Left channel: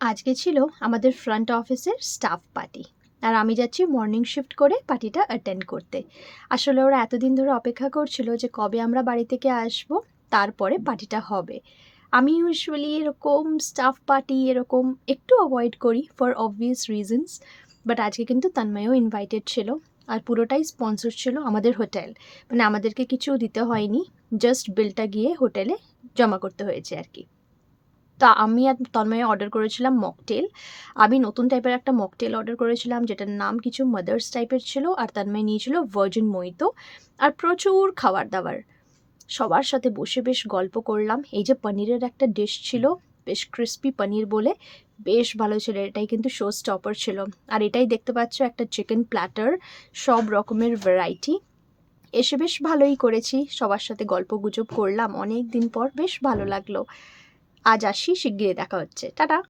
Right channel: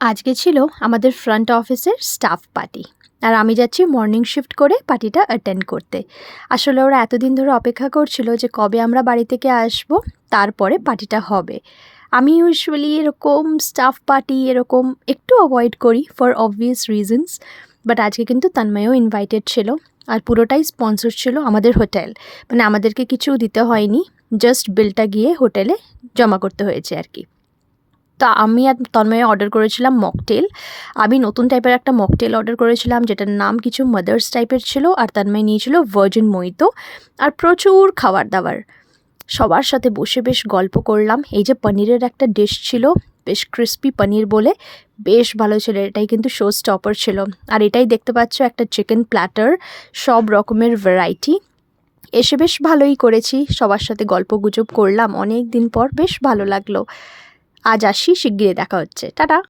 আজকে ছিল আমাদের ফ্রন্ট অফিসের স্টাফ পার্টি। আর আমি যাচ্ছি মর্নিং শিফট করে পার্টিটা অ্যাটেন্ড করতে। আসলে ওরা এতদিন ধরে অপেক্ষা করছিল যে কবে আমরা বাড়ি থেকে আসব, তারপরে পার্টিটা হবে। আমি ইউজুয়ালি এরকম স্টাফ পার্টি এরকম একটু অ্যাভয়েড করি ফর অবভিয়াস রিজনস। বাট আজকে কিন্তু তন্ময়ও ইনভাইটেড ছিল। আর পুরোটাই স্পন্সর ছিল আমাদের হোটেল। মানে আমাদেরকে কিছু দিতে হয়নি, জাস্ট বিলটা গিয়ে হোটেলে জমা করতে হয়েছে আর কি। তা আমি আর তন্ময়ে অর্ডার করেছিলাম মকটেল। আমি নতুন টাইপের একটা মকটেল অর্ডার করেছিলাম, যেটার নাম কিছু মাদার্স টাইপের ছিল। আর তন্ময় নিয়েছিল ভার্জিন মোহিতো। আর প্রচুর খাবার দাবার। সবার সাথে বসে বেশ গল্প করলাম। এই যে পনিরের একটা ডিশ ছিল, বেশ ক্রিস্পি পনির বলে, বেশ ভালো ছিল। এটাই কিন্তু শো স্টপার ছিল। আর এটাই দেখতে পাচ্ছ একটা চিকেন প্ল্যাটার, সব রকমের ভ্যারাইটি। এসে বেশ ভালোই করেছি, সবার সাথে গল্প গুজব করলাম অনেক দিন পর, বেশ ভালো লাগলো। আজ আসি, শিগগিরই দেখা হচ্ছে, টাটা।